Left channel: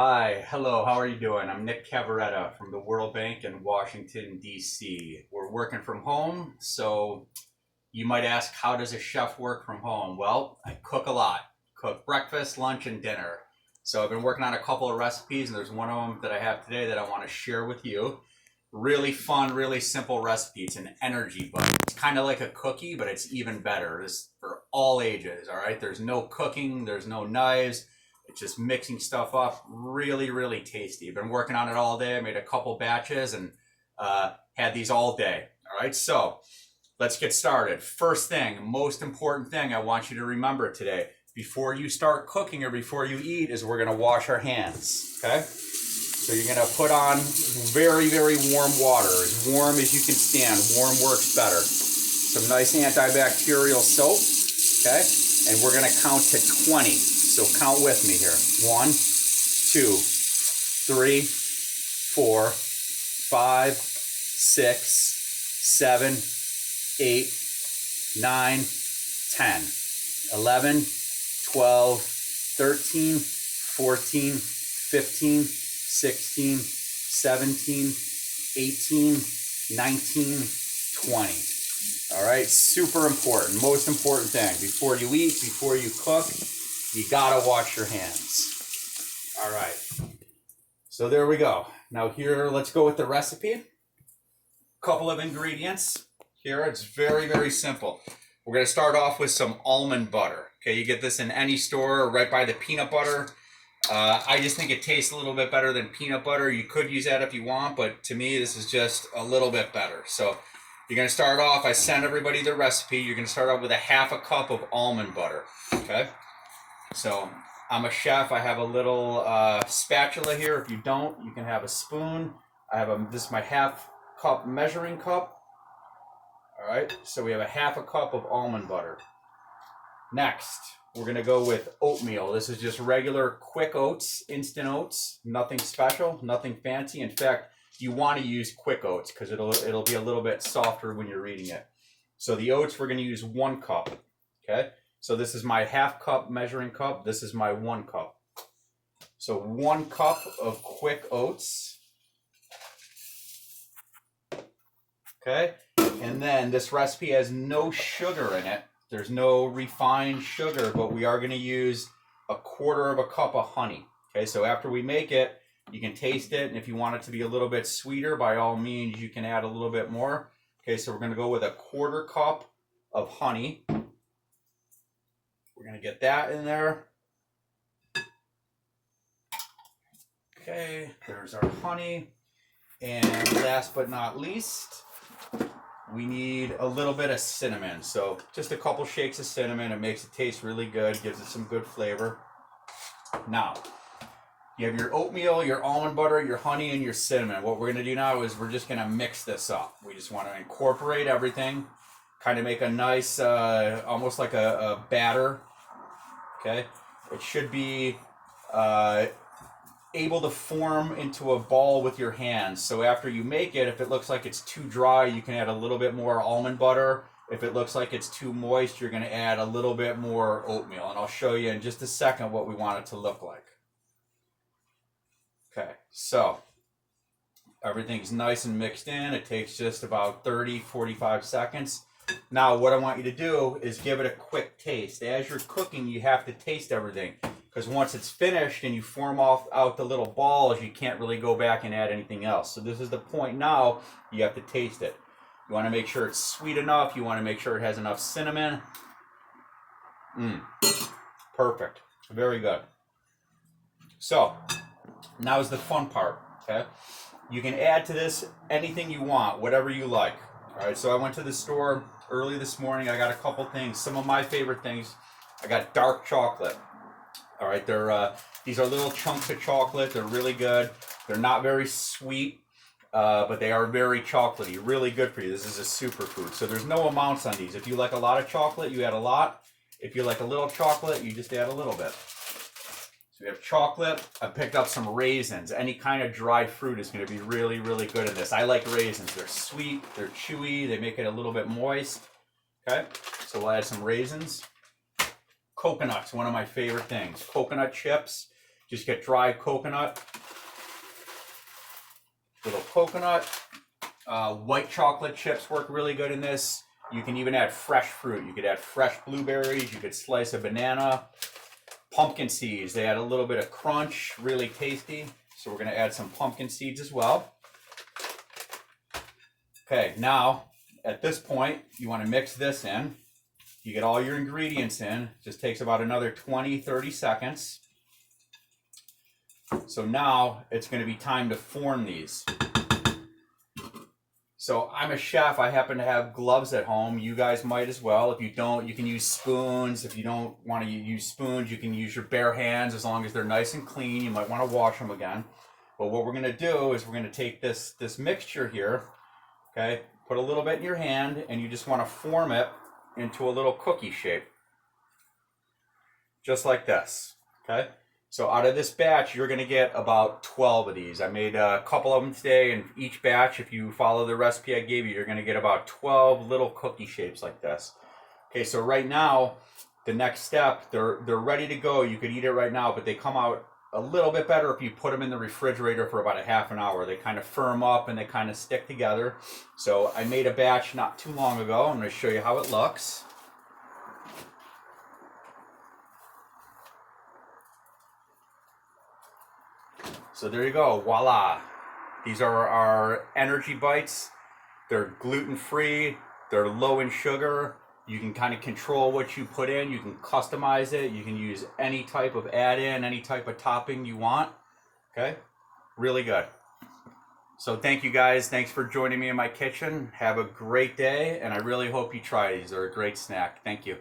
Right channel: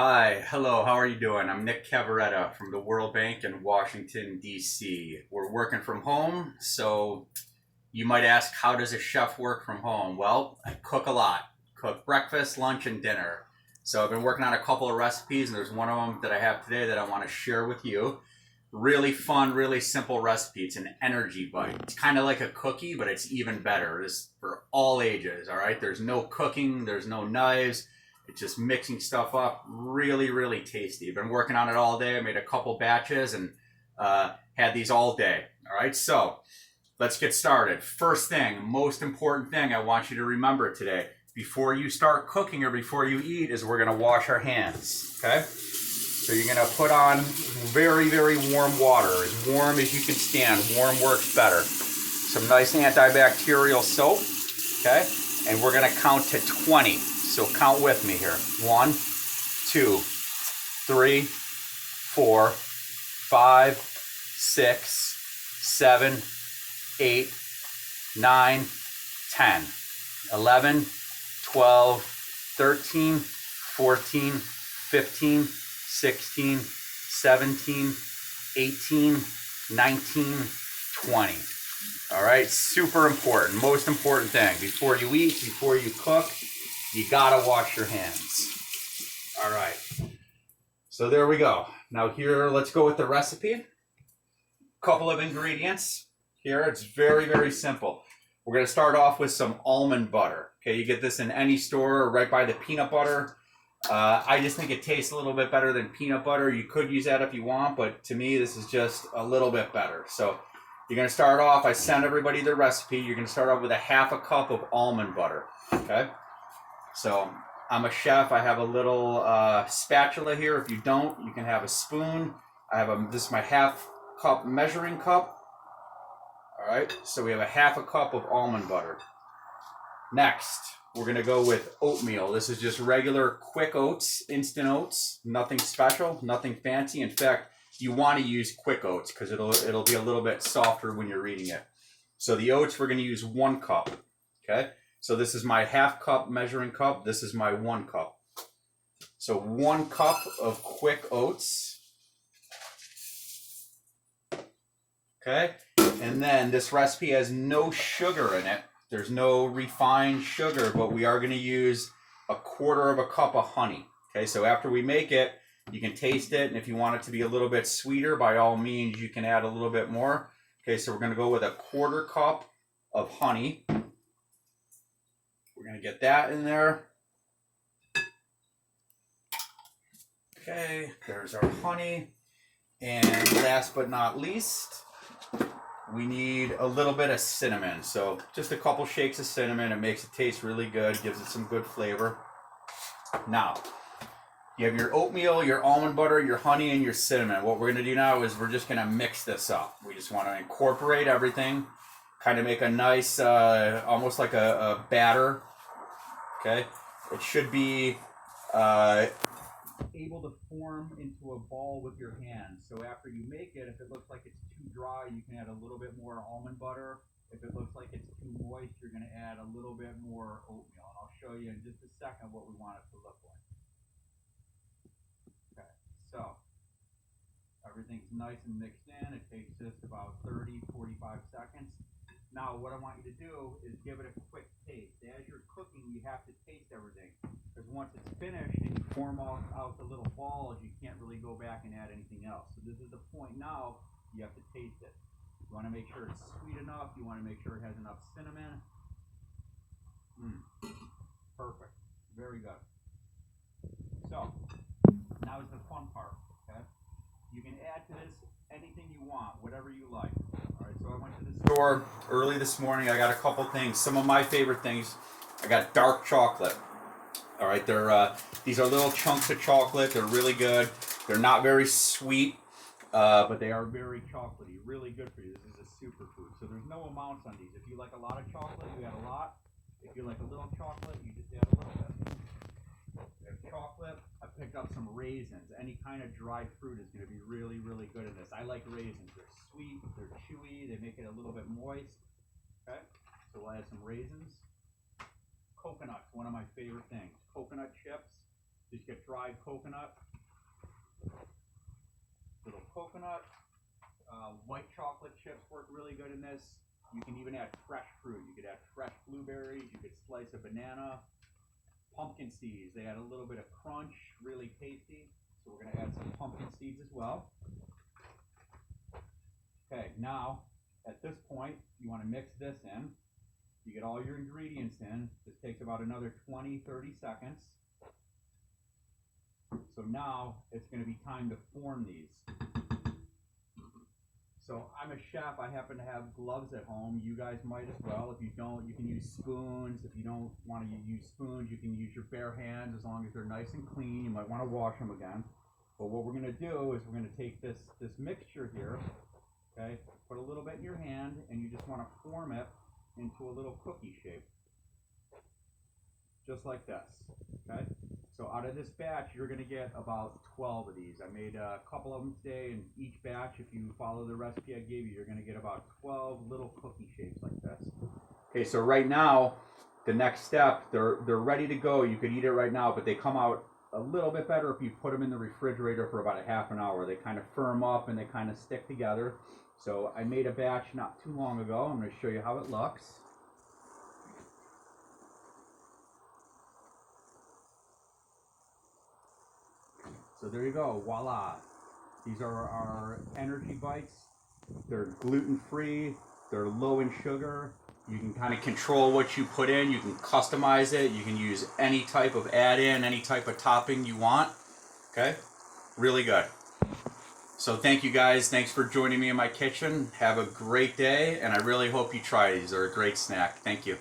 Hi, hello, how are you doing? I'm Nick Cavaretta from the World Bank in Washington, D.C. We're working from home, so you might ask, how does a chef work from home? Well, I cook a lot. Cook breakfast, lunch, and dinner. So I've been working on a couple of recipes, and there's one of them that I have today that I want to share with you. Really fun, really simple recipe. It's an energy bun. It's kind of like a cookie, but it's even better. It's for all ages, all right? There's no cooking, there's no knives. It's just mixing stuff up. Really, really tasty. I've been working on it all day. I made a couple batches and had these all day. All right, so let's get started. First thing, most important thing I want you to remember today, before you start cooking or before you eat, is we're gonna wash our hands, okay? So you're gonna put on very, very warm water, as warm as you can stand. Warm works better. Some nice antibacterial soap, okay? And we're gonna count to 20. So count with me here. 1, 2, 3, 4, 5, 6, 7, 8, 9, 10, 11, 12, 13, 14, 15, 16, 17, 18, 19, 20. All right, super important, most important thing. Before you eat, before you cook, you gotta wash your hands. All right, so there we go. Now here, let's go with the recipe. Couple of ingredients. Here, it's very, very simple. We're gonna start off with some almond butter. Okay, you get this in any store or right by the peanut butter. I just think it tastes a little bit better than peanut butter. You could use that if you want, but to me, this is just a little bit better. So you're gonna start off, I sent everybody the recipe. You're gonna start off with a half a cup of almond butter, okay? So I'm a chef. I have a little spatula here. If you don't, you can have a spoon. This is my half cup measuring cup. All right, so we have a half a cup of almond butter. Next, we're gonna go with oatmeal. This is just regular quick oats, instant oats, nothing special, nothing fancy. In fact, you want to use quick oats because it'll be a little bit softer when you're eating it. So the oats, we're gonna use 1 cup, okay? So this is my half cup measuring cup. This is my 1 cup. So 1 cup of quick oats. Okay. And then this recipe has no sugar in it. There's no refined sugar, but we are going to use 1/4 cup of honey. Okay. So after we make it, you can taste it. And if you want it to be a little bit sweeter, by all means, you can add a little bit more. Okay. So we're going to go with 1/4 cup of honey. We're going to get that in there. Okay, there's our honey. And last but not least, we need a little bit of cinnamon. So just a couple shakes of cinnamon. It makes it taste really good, gives it some good flavor. Now, you have your oatmeal, your almond butter, your honey, and your cinnamon. What we're going to do now is we're just going to mix this up. We just want to incorporate everything, kind of make a nice, almost like a batter. Okay, it should be able to form into a ball with your hands. So after you make it, if it looks like it's too dry, you can add a little bit more almond butter. If it looks like it's too moist, you're going to add a little bit more oatmeal. And I'll show you in just a second what we want it to look like. Okay, so everything's nice and mixed in. It takes just about 30-45 seconds. Now, what I want you to do is give it a quick taste. As you're cooking, you have to taste everything, because once it's finished and you form out the little balls, you can't really go back and add anything else. So this is the point now. You have to taste it. You want to make sure it's sweet enough. You want to make sure it has enough cinnamon. Perfect. Very good. So now is the fun part. Okay, you can add to this anything you want, whatever you like. All right, so I went to the store early this morning. I got a couple things. Some of my favorite things. I got dark chocolate. All right, these are little chunks of chocolate. They're really good. They're not very sweet, but they are very chocolatey. Really good for you. This is a superfood. So there's no amounts on these. If you like a lot of chocolate, you add a lot. If you like a little chocolate, you just add a little bit. So we have chocolate. I picked up some raisins. Any kind of dried fruit is going to be really, really good in this. I like raisins. They're sweet. They're chewy. They make it a little bit moist. Okay, so we'll add some raisins. Coconuts, one of my favorite things. Coconut chips. Just get dry coconut, little coconut. White chocolate chips work really good in this. You can even add fresh fruit. You could add fresh blueberries. You could slice a banana. Pumpkin seeds. They add a little bit of crunch. Really tasty. So we're going to add some pumpkin seeds as well. Okay, now at this point, you want to mix this in. You get all your ingredients in. Just takes about another 20-30 seconds. So now it's going to be time to form these. So I'm a chef. I happen to have gloves at home. You guys might as well. If you don't, you can use spoons. If you don't want to use spoons, you can use your bare hands as long as they're nice and clean. You might want to wash them again. But what we're going to do is we're going to take this mixture here, okay, put a little bit in your hand, and you just want to form it into a little cookie shape. Just like this, okay? So out of this batch, you're going to get about 12 of these. I made a couple of them today, and each batch, if you follow the recipe I gave you, you're going to get about 12 little cookie shapes like this. Okay, so right now, the next step, they're ready to go. You could eat it right now, but they come out a little bit better if you put them in the refrigerator for about a half an hour. They kind of firm up and they kind of stick together. So I made a batch not too long ago. I'm going to show you how it looks. So there you go, voila. These are our energy bites. They're gluten-free, they're low in sugar. You can kind of control what you put in. You can customize it. You can use any type of add-in, any type of topping you want. Okay, really good. So thank you guys. Thanks for joining me in my kitchen. Have a great day, and I really hope you try these. They're a great snack. Thank you.